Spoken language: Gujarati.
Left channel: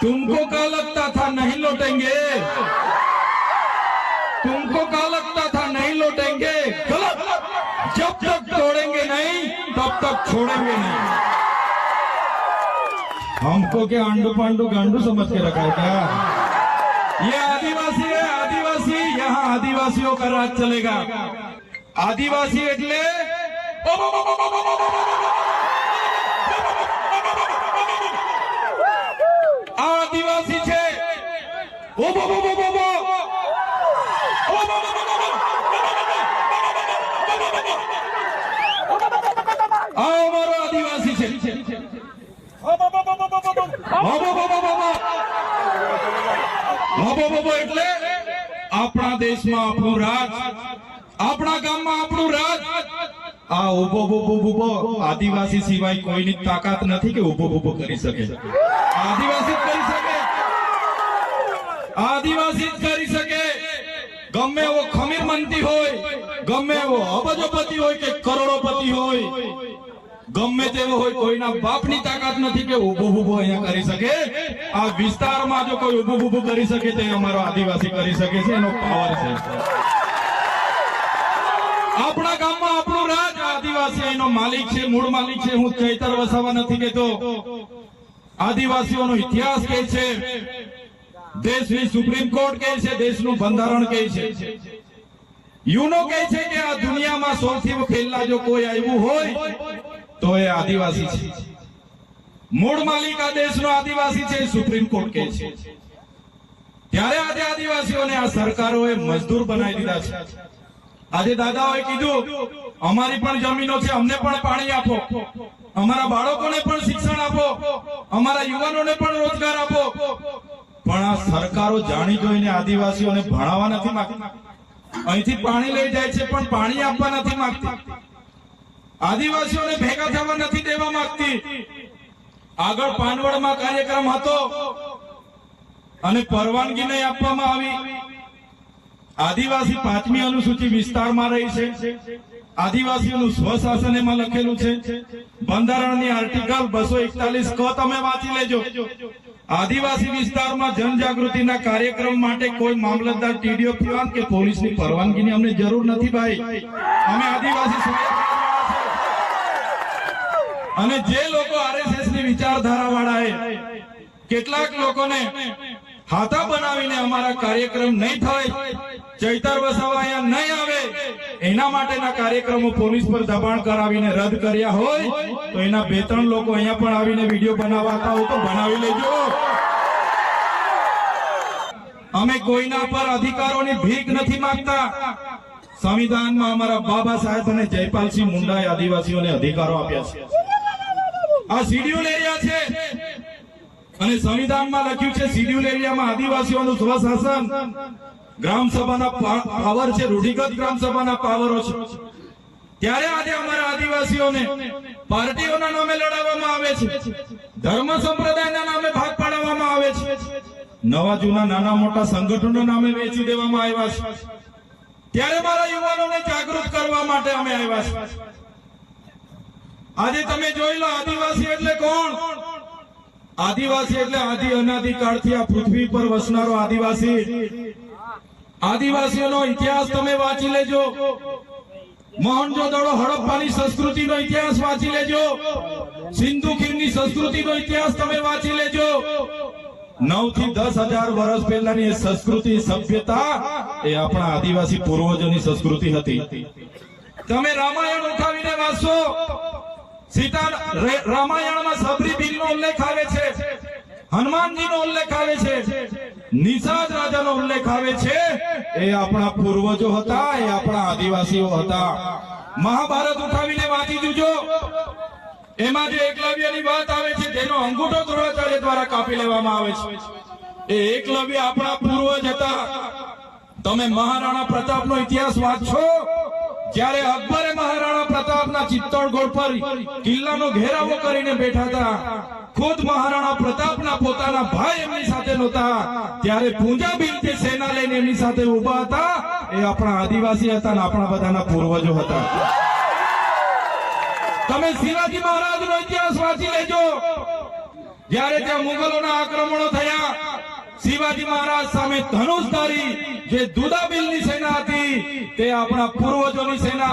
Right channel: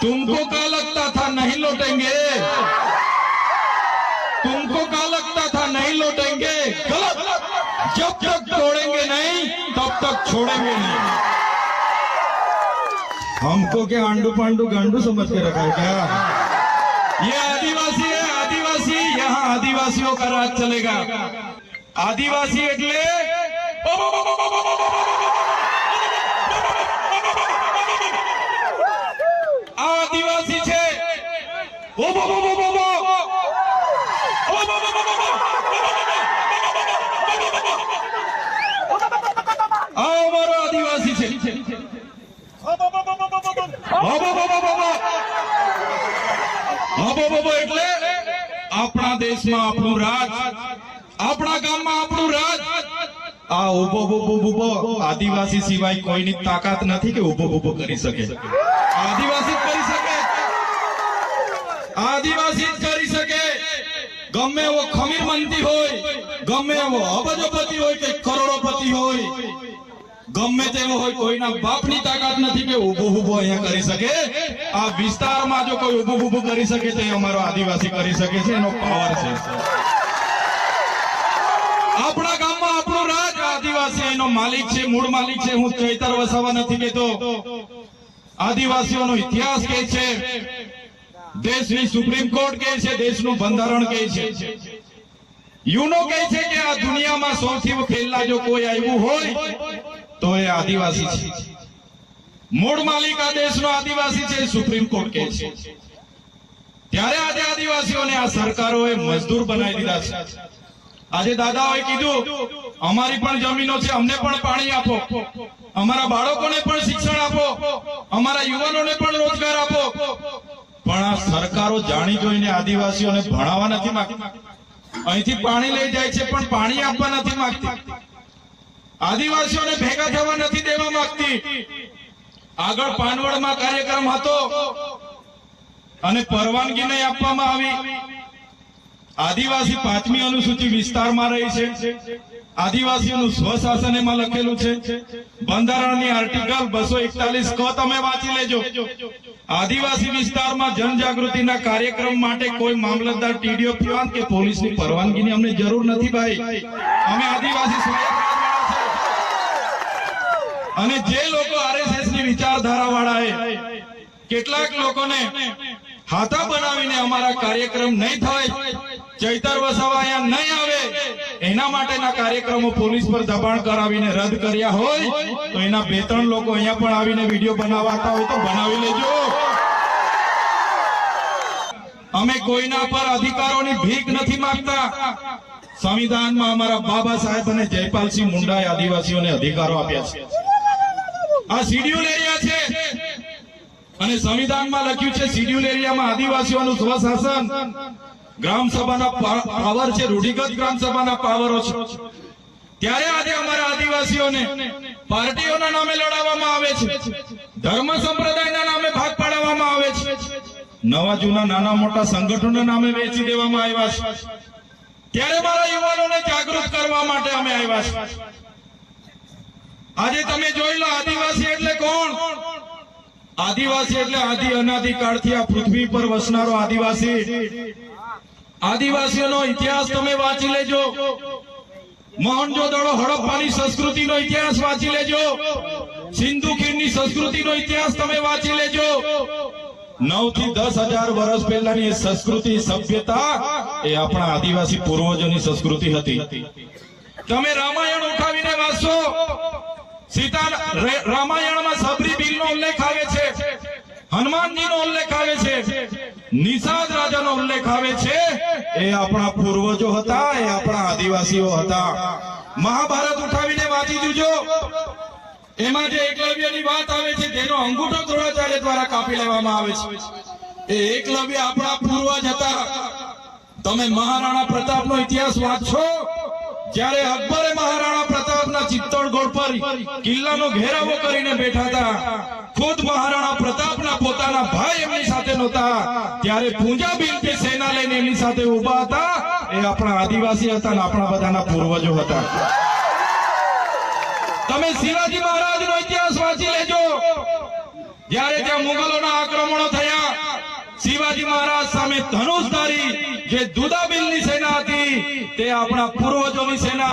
तुमको क्या लगता था नहीं लौटेंगे? तुमको क्या लगता था नहीं लौटेंगे? गलत। जब तक तोड़ेंगे नहीं तब तक छोड़ेंगे नहीं। हमको क्या आंडू पांडू गांडू समझ के रखा है क्या? ये आदिवासी है, आदिवासी। यहाँ आदिवासियों का राज चलेगा। आदिवासी એટલે आदिवासी છે। અમારો આદિવાસી છે। એટલે આપણા દેશમાં આપણું રાજ, આપણા ગામમાં આપણું રાજ। આ ઉભો ઉભો આદિવાસી સિવાય કોઈની તાકાત નથી કે ઉભો ઉભો કરી શકે। આદિવાસી જ કરી શકે, આદિવાસી જ કરી શકે। ગમે એવો ખમીર મંત્રી હોય, ગમે એવો અબજોપતિ હોય કે કરોડોપતિ હોય, ગમે તેવો હોય, કોઈના બાપની તાકાત નથી કે ઉભો ઉભો અહીંયા કરી શકે। આ વિસ્તારમાં જો કોઈ ઉભો ઉભો કરી શકે તો અમારો આદિવાસી કરી શકે છે, એનો પાવર છે। આપણા ગામમાં આપણું રાજ, આદિવાસી એનો માલિક છે, મૂળ માલિક છે। હું ચૈતર વસાવા નથી કહેતો, આદિવાસીઓનો ઇતિહાસ કહે છે, દેશની સુપ્રીમ કોર્ટ કહે છે, દેશનું બંધારણ કહે છે, યુનો કહે છે કે આ દુનિયામાં સૌથી પહેલા જો કોઈ આવ્યું હોય તો એ આદિવાસી છે। મૂળ માલિક આ દેશનો આદિવાસી છે, સુપ્રીમ કોર્ટ કહે છે। ત્યારે આજે આદિવાસીઓને આ સરકારોએ મજદૂર બનાવી દીધા છે। આજે દાદાઓએ કીધું અમારી પણ જમીનો છે, અમને પણ પાણી આપો, અમારા બાળકોને પણ શિક્ષણ આપો, અમારા યુવાનોને પણ રોજગાર આપો। પણ આ સરકારો જાણી જોઈને આદિવાસીઓને ભણાવવા નથી માંગતી। અહીંથી પાણી લઈ જાય છે પણ પાણી આપવા નથી માંગતી। આદિવાસીઓને ભેગા થવા નથી દેવા માંગતી। આગળ પાનવડમાં કાર્યક્રમ હતો અને પરવાનગી નહીં આપવામાં આવી। આદિવાસી 5મી અનુસૂચિ વિસ્તારમાં રહી છે। આદિવાસીઓનું સ્વશાસન એમાં લખેલું છે। બંધારણની આર્ટિકલ 241 ક તમે વાંચી લેજો। આદિવાસી વિસ્તારમાં જનજાગૃતિના કાર્યક્રમ માટે કોઈ મામલતદાર, ટીડીઓ, પીવાન કે પોલીસની પરવાનગીની અમને જરૂર નથી ભાઈ। અમે આદિવાસી અને જે લોકો આરએસએસ ની વિચારધારા વાળા કેટલાક લોકોને હાથા બનાવીને અમારા કાર્યક્રમ નહીં થાય, ચૈતર વસાવા અહીંયા નહીં આવે, એના માટેના કાર્યક્રમો પોલીસ પર દબાણ કરાવીને રદ કર્યા હોય તો એના 2-3 લોકો અહીંયા પણ આવીને વિડીયો બનાવતા હોય તો બનાવી લેજો। અમે કોઈના પર અધિકારોની ભીખ નથી માંગતા। સંવિધાનમાં અમારા બાબા સાહેબ અને જયપાલસિંહ મુંડાએ આદિવાસીઓને અધિકારો આપ્યા છે। આ શિડ્યુલ એરિયા છે અને સંવિધાનમાં લખ્યું છે શિડ્યુલ એરિયામાં આદિવાસીઓનું સ્વશાસન, ગ્રામ સભાના પાવર છે, રૂઢિગત ગ્રામ સભાના પાવરો છે। ત્યારે આજે અમારા આદિવાસીઓને પાર્ટીઓના નામે લડાવવામાં આવે છે, ધર્મ સંપ્રદાયના નામે ભાગ પાડવામાં આવે છે, નવા જૂના નાના મોટા સંગઠનોના નામે વેચી દેવામાં આવ્યા છે। ત્યારે મારા યુવાનોને જાગૃત કરવા માટે અમે આવ્યા છે। આજે તમે જોઈ લો, આદિવાસી એટલે કોણ? આદિવાસી એટલે આદિ અનાદિ કાળથી આ પૃથ્વી પર વસનારો આદિવાસી। આદિવાસીઓનો ઇતિહાસ તમે વાંચી લેજો। મોહનજોદડો હડપ્પાની સંસ્કૃતિનો ઇતિહાસ વાંચી લેજો। સિંધુ ખીણની સંસ્કૃતિનો ઇતિહાસ તમે વાંચી લેજો। 9 થી 10,000 વર્ષ પહેલાની એ સંસ્કૃતિ, સભ્યતા એ આપણા આદિવાસી પૂર્વજોની સંસ્કૃતિ હતી। તમે રામાયણ ઉઠાવીને વાંચો, સીતા રામાયણમાં સબરી બિલનો ઉલ્લેખ આવે છે, હનુમાનજીનો ઉલ્લેખ આવે છે, નિષાદ રાજાનો ઉલ્લેખ આવે છે। એ આપણા પૂર્વજો હતા, એ આપણા આદિવાસીઓ હતા। મહાભારત ઉઠાવીને વાંચી જોજો, એમાં જે એકલવ્યની વાત આવે છે તેનો અંગૂઠો દ્રોણાચાર્ય દ્વારા કાપી લેવામાં આવે છે। એ એકલવ્ય આપણા પૂર્વજ હતા। તમે મહારાણા પ્રતાપનો ઇતિહાસ વાંચો, જ્યારે અકબરે મહારાણા પ્રતાપના ચિત્તોડગઢ પર કિલ્લાનો ઘેરાવો કરીને બેઠા હતા, ખુદ મહારાણા પ્રતાપના પોતાના ભાઈ એમની સાથે નહોતા, ત્યારે પૂંજાબિનથી સેના લઈને એમની સાથે ઉભા હતા। એ આપણા આદિવાસી હતા અને આપણા બધાના પૂર્વજો હતા। તમે શિવાજી મહારાજનો ઇતિહાસ વાંચી લેજો, જ્યારે ત્યાં મુગલોના આક્રમણો થયા શિવાજી મહારાજ સામે ધનુષ ધારી જે દુદાબિલની સેના હતી તે આપણા પૂર્વજોની સેના